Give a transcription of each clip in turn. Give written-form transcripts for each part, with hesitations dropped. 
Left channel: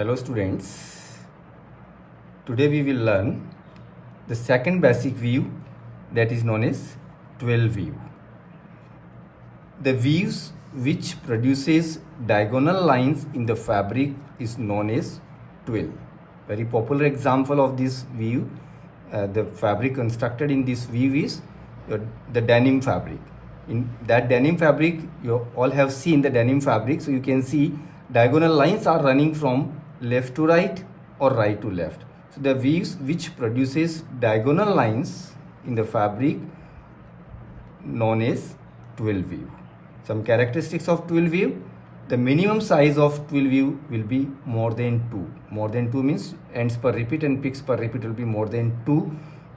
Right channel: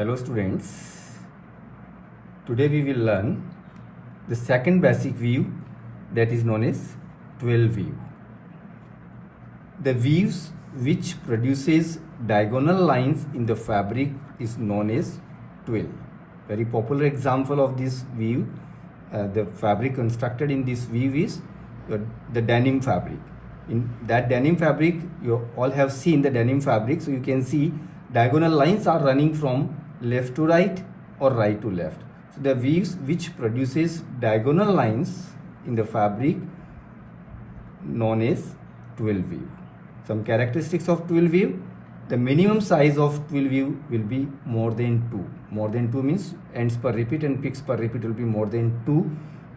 Hello students, today we will learn the second basic view, that is known as 12 view. The views which produces diagonal lines in the fabric is known as 12. Very popular example of this view, the fabric constructed in this view is the denim fabric. In that denim fabric, you all have seen the denim fabric, so you can see diagonal lines are running from left to right or right to left. So the views which produces diagonal lines in the fabric known as 12 view. Some characteristics of 12 view: the minimum size of 12 view will be more than 2. More than 2 means ends per repeat and picks per repeat will be more than 2,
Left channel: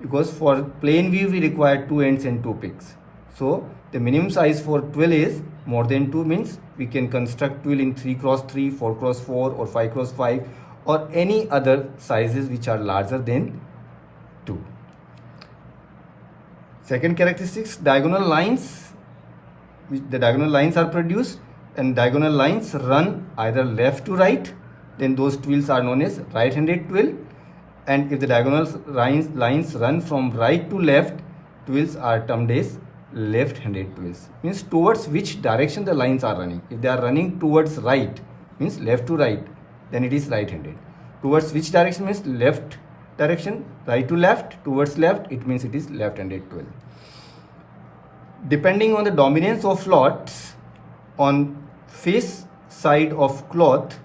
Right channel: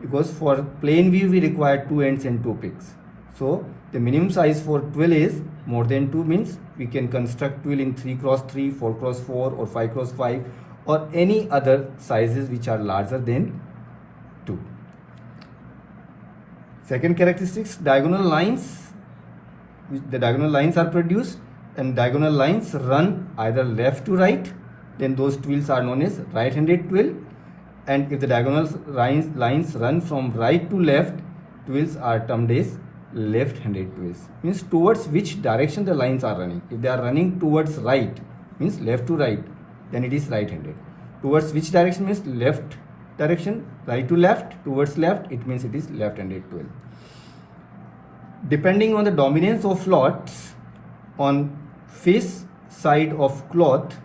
because for plain view we require 2 ends and 2 picks. So the minimum size for 12 is more than 2, means we can construct 12 in 3x3, 4x4 or 5x5 or any other sizes which are larger than 2. Second characteristics, diagonal lines. The diagonal lines are produced and diagonal lines run either left to right, then those 12s are known as right-handed 12. And if the diagonal lines run from right to left, 12s are termed as left-handed 12s. Means towards which direction the lines are running. If they are running towards right, means left to right, then it is right-handed. Towards which direction means left direction, right to left, towards left, it means it is left-handed 12. Depending on the dominance of floats on face side of cloth,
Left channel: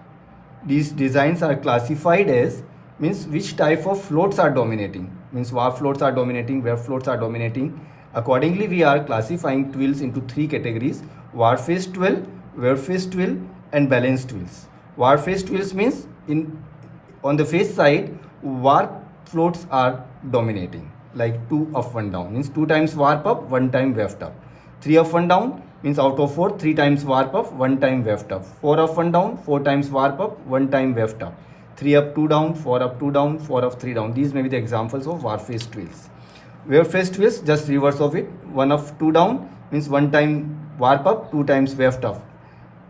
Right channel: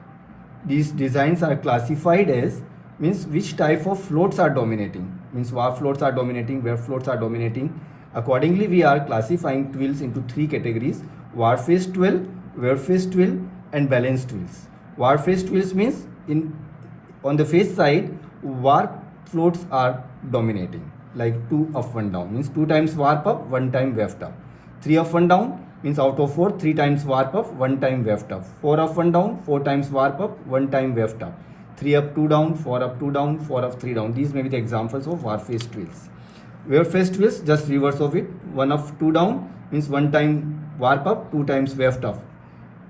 these designs are classified as, means which type of floats are dominating, means warp floats are dominating, weft floats are dominating. Accordingly, we are classifying twills into 3 categories: warp face twill, weft face twill and balanced twills. Warp face twills means on the face side, warp floats are dominating, like 2 up 1 down means 2 times warp up, 1 time weft up. 3 up 1 down means out of 4, 3 times warp up, 1 time weft up. 4 up 1 down, 4 times warp up, 1 time weft up. 3 up 2 down, 4 up 2 down, 4 up 3 down. These may be the examples of warp face twills. Weft face twills, just reverse of it. 1 up 2 down means 1 time warp up, 2 times weft up.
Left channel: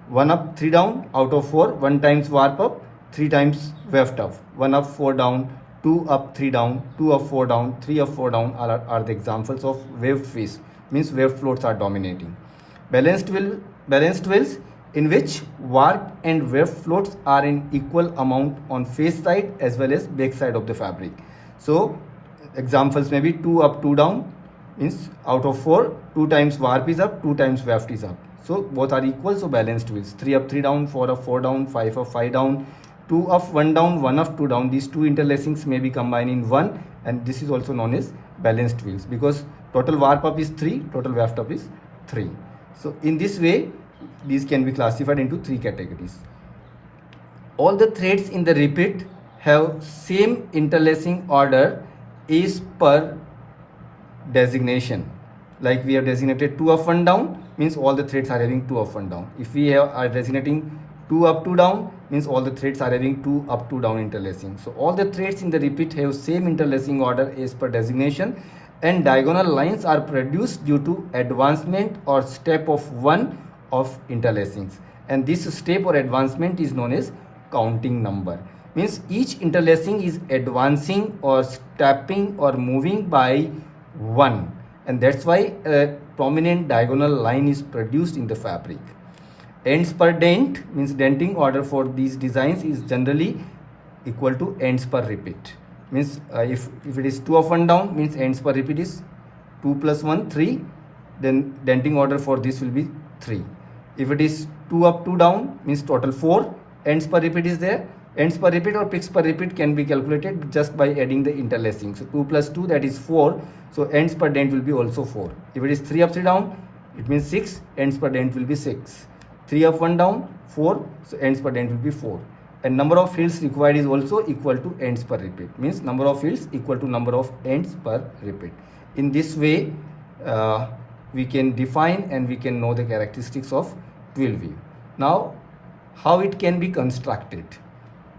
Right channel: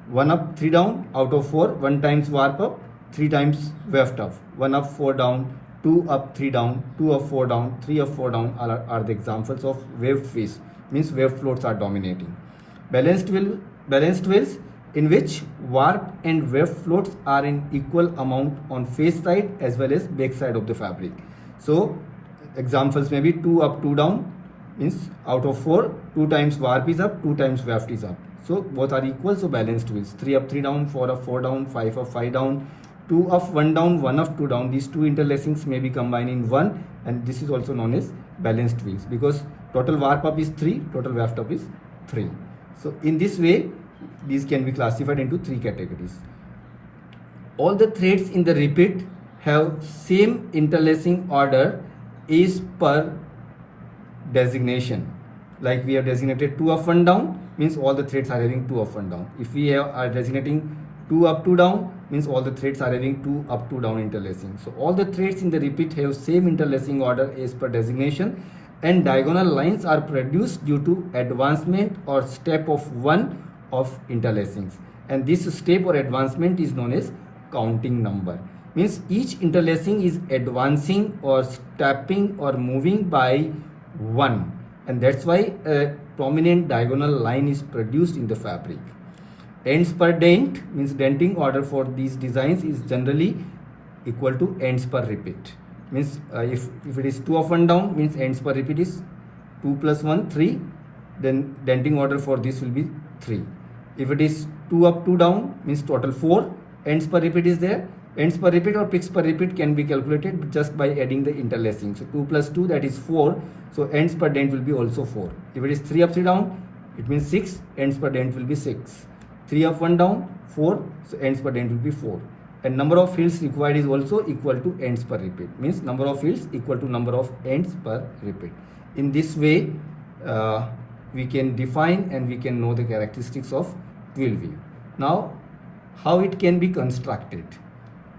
1 up 3 down, out of 4, 1 times warp up, 3 times weft up. 1 up 4 down, 2 up 3 down, 2 up 4 down, 3 up 4 down are the examples of weft face, means weft floats are dominating. Balanced twills, in which warp and weft floats are in equal amount on face side as well as back side of the fabric. So examples may be 2 up 2 down means out of 4, 2 times warp is up, 2 times weft is up. So both are equal, so balanced twills. 3 up 3 down, 4 up 4 down, 5 up 5 down, 2 up 1 down, 1 up 2 down. These two interlacings may be combined in one, and this is also known as balanced twills, because total warp up is 3, total weft up is 3. So in this way, these can be classified into 3 categories. All the threads in the repeat have same interlacing order as per designation. Like we have designated 2 up 1 down means all the threads are having 2 up 1 down. If we are designating 2 up 2 down means all the threads are having 2 up 2 down interlacing. So all the threads in the repeat have same interlacing order as per designation, and diagonal lines are produced due to advancement or step of one of interlacings, and this step or advancement is known as counting number. Means each interlacing is advancing or stepping or moving by 1, and that's why a prominent diagonal line is produced in the fabric. Ends per dent means denting order for these designs is generally equal to ends per repeat. Means if it is 2 up 1 down means ends per repeat is 2 plus 1, 3. Then denting order for this will be 3. If it is 2 up 2 down means total 4 ends per repeat is there. Ends per repeat or picks per repeat can be calculated just by adding the interlacing. So 2 plus 2, that is 4. So ends per dent will be also 4. If it is 3 up 3 down, it means 6. Ends per dent will be 6. 3 up 1 down, 4. So ends per dent will be 4. And number of fields required is also equal to ends per repeat. Means number of fields equal to number of ends per repeat. In this way, we can define and we can know the characteristics of 12 view. Now, how it can be constructed?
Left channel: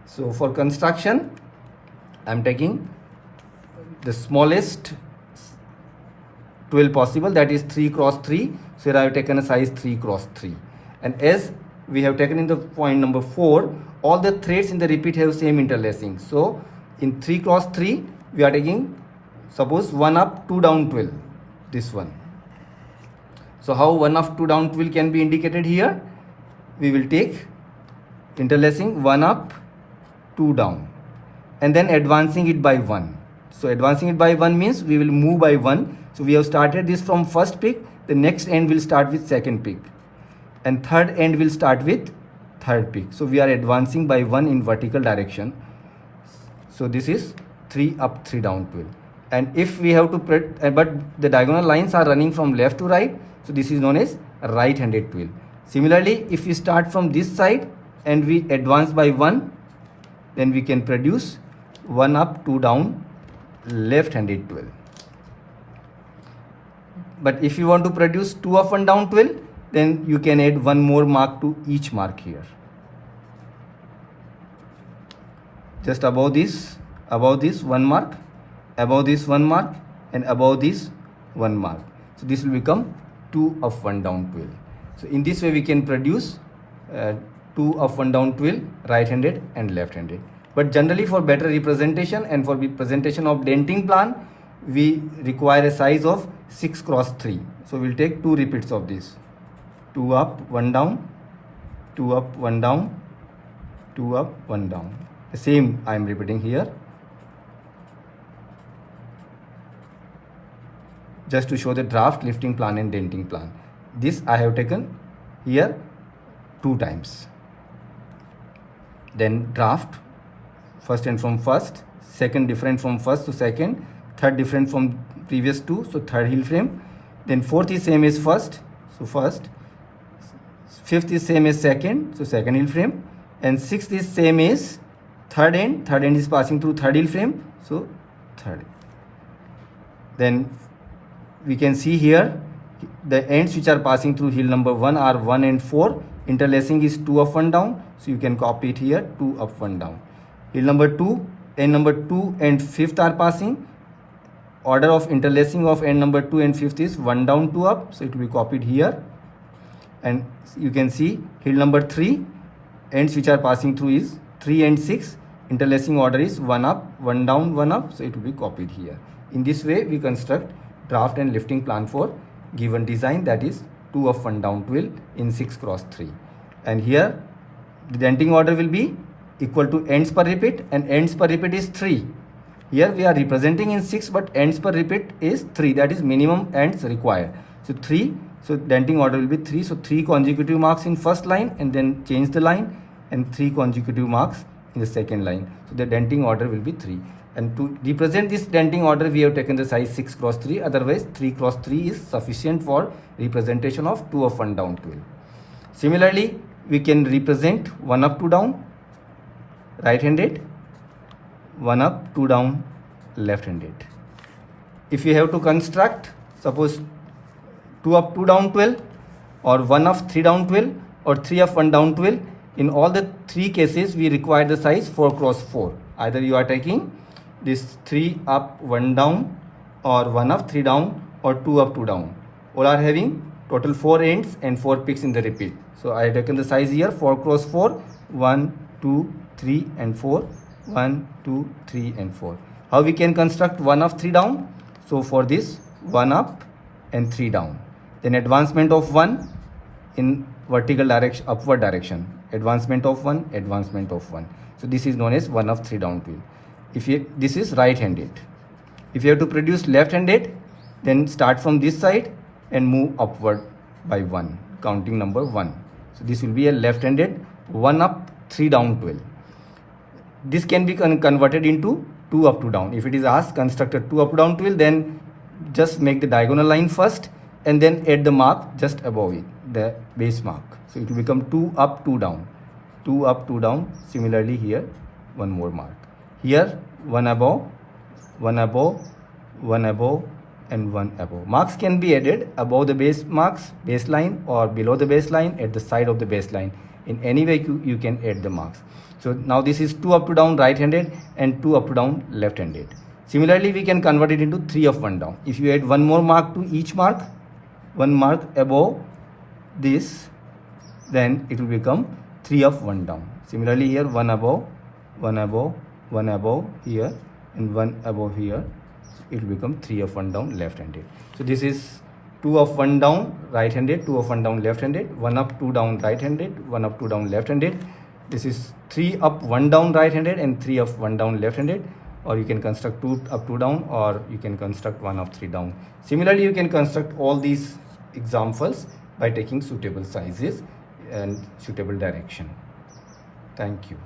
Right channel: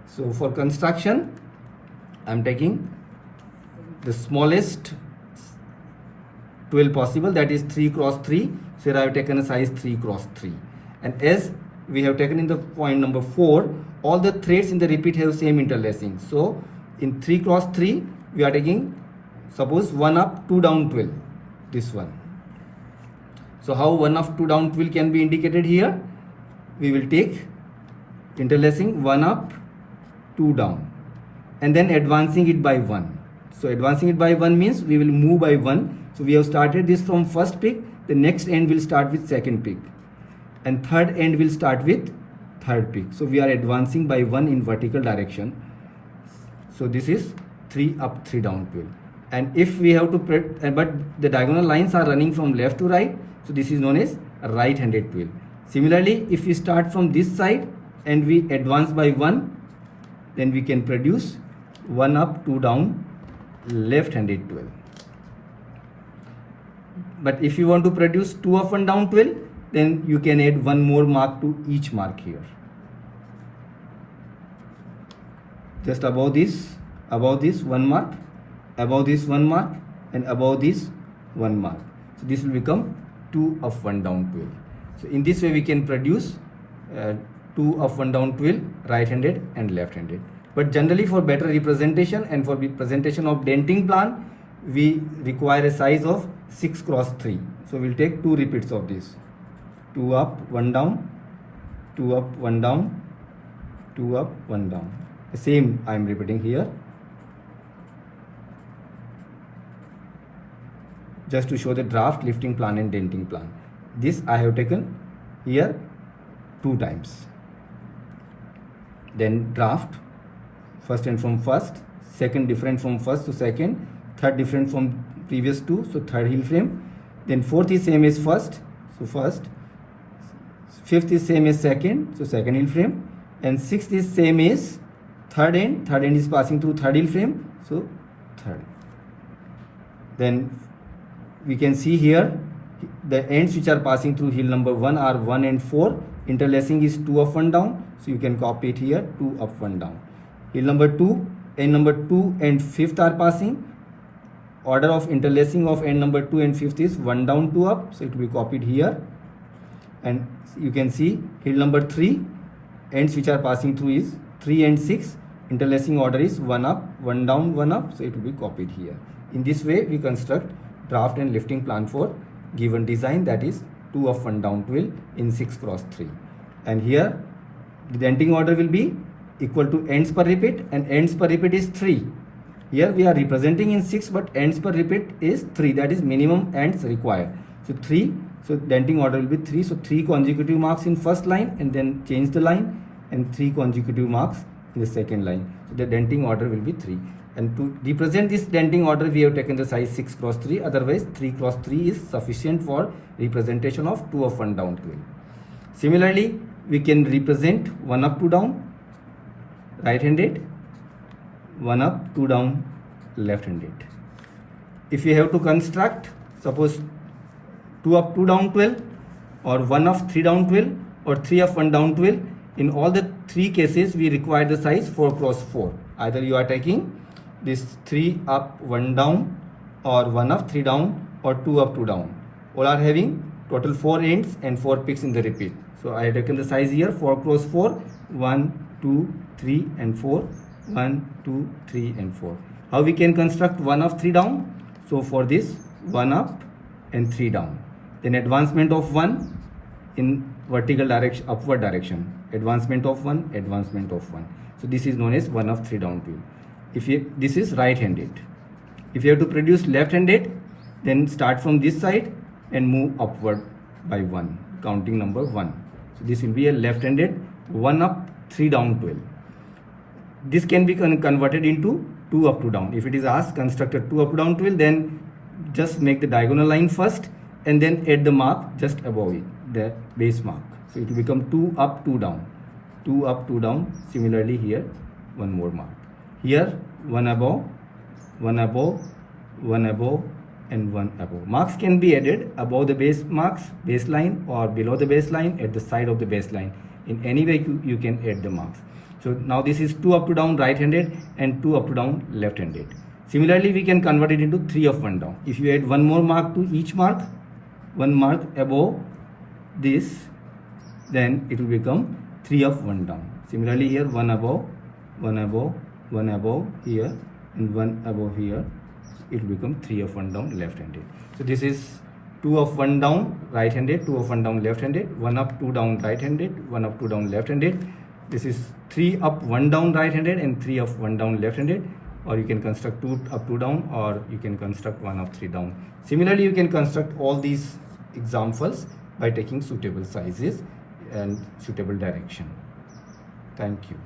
So for construction, I am taking the smallest 12 possible, that is 3 cross 3. So here I have taken a size 3 cross 3. And as we have taken in the point number 4, all the threads in the repeat have same interlacing. So in 3 cross 3 we are taking, suppose 1 up 2 down 12, this one. So how 1 up 2 down 12 can be indicated here? We will take interlacing 1 up 2 down and then advancing it by 1. So advancing it by 1 means we will move by 1. So we have started this from first peak, the next end will start with second peak and third end will start with third peak. So we are advancing by 1 in vertical direction. So this is 3 up 3 down 12. And if we have to but the diagonal lines are running from left to right, so this is known as right handed 12. Similarly, if we start from this side and we advance by 1, then we can produce 1 up 2 down left handed 12. But if you want to produce 2 up 1 down 12, then you can add one more mark to each mark here. Just above this 1 mark, above this 1 mark, and above this 1 mark. So this will become 2 up 1 down 12. So in this way we can produce 2 up 1 down 12 right handed and left handed. But generally for better representation and for presentation of denting plan, we require a size of 6 cross 3. So we'll take 2 repeats of this. 2 up 1 down, 2 up 1 down, 2 up 1 down. The same I am repeating here, just to show the draft, lifting plan and denting plan. This I have taken here 2 times. Then draft, first and from first, second different from first to second, third different from previous 2, so third heel frame. Then fourth is same as first, so first. Fifth is same as second, so second heel frame. And sixth is same as third end is passing through third heel frame, so third. Then we can see here the ends which are passing through heel number 1 are 1 and 4. Interlacing is 2 up 1 down, so you can copy it here, 2 up 1 down. Heel number 2, end number 2 and 5th are passing. Order of interlacing of end number 2 and 5th is 1 down 2 up, so it will be copied here. And you can see heel number 3, ends which are passing through is 3 and 6. Interlacing order is 1 up 1 down 1 up, so it will be copied here. In this way we construct draft and lifting plan for given design, that is 2 up 1 down 12 in 6 cross 3. And here the denting order will be equal to ends per repeat, and ends per repeat is 3. Here we are representing in 6, but ends per repeat is 3, that is minimum ends required. So 3, so denting order will be 3. So 3 consecutive marks in first line and then change the line, and 3 consecutive marks in the second line. So the denting order will be 3. And to represent this denting order, we have taken the size 6 cross 3. Otherwise 3 cross 3 is sufficient for representation of 2 up 1 down 12. Similarly, we can represent 1 up 2 down right handed, 1 up 2 down left handed. If we have to construct, suppose 2 up 2 down 12 or 1 up 3 down 12 or 3 up 1 down 12, in all the 3 cases we require the size 4 cross 4. Either you are taking this 3 up 1 down or 1 up 3 down or 2 up 2 down. All are having total 4 ends and 4 peaks in the repeat. So I have taken the size here 4 cross 4, 1, 2, 3 and 4, 1, 2, 3 and 4. How we can construct 1 up 3 down? So for this 1 up and 3 down. Then advancement of 1 in vertical direction, upward direction. Advancement of 1, advancement of 1. So this is known as 1 up 3 down 12. This is right handed. If you have to produce left handed, then start from this side and move upward by 1, counting number 1. So this will be a left handed 1 up 3 down 12. This can be converted into 2 up 2 down. If it is asked constructed 2 up 2 down 12, then just make the diagonal line first and then add the mark just above it, the base mark. So it will become 2 up 2 down, 2 up 2 down. Similarly here one more mark. Here 1 above, 1 above, 1 above and 1 above. Marks can be added above the base marks, baseline, or below the baseline, at the side of the baseline. In any way you can add the marks. So now this is 2 up 2 down right handed and 2 up 2 down left handed. Similarly we can convert it into 3 up 1 down. If you add one more mark to each mark, 1 mark above this, then it will become 3 up 1 down. Similarly here, one above, one above, one above here, and one above here. It will become 3 up 1 down left-handed. So this is 2 up 1 down right-handed, 2 up 1 down left-handed, 1 up 2 down right-handed, 1 up 2 down left-handed. This is 3 up 1 down right-handed and 3 up 1 down left-handed. Or you can construct 2 up 2 down, or you can construct 1 up 3 down. Similarly, you can construct all these examples by taking suitable sizes and suitable direction. Thank you.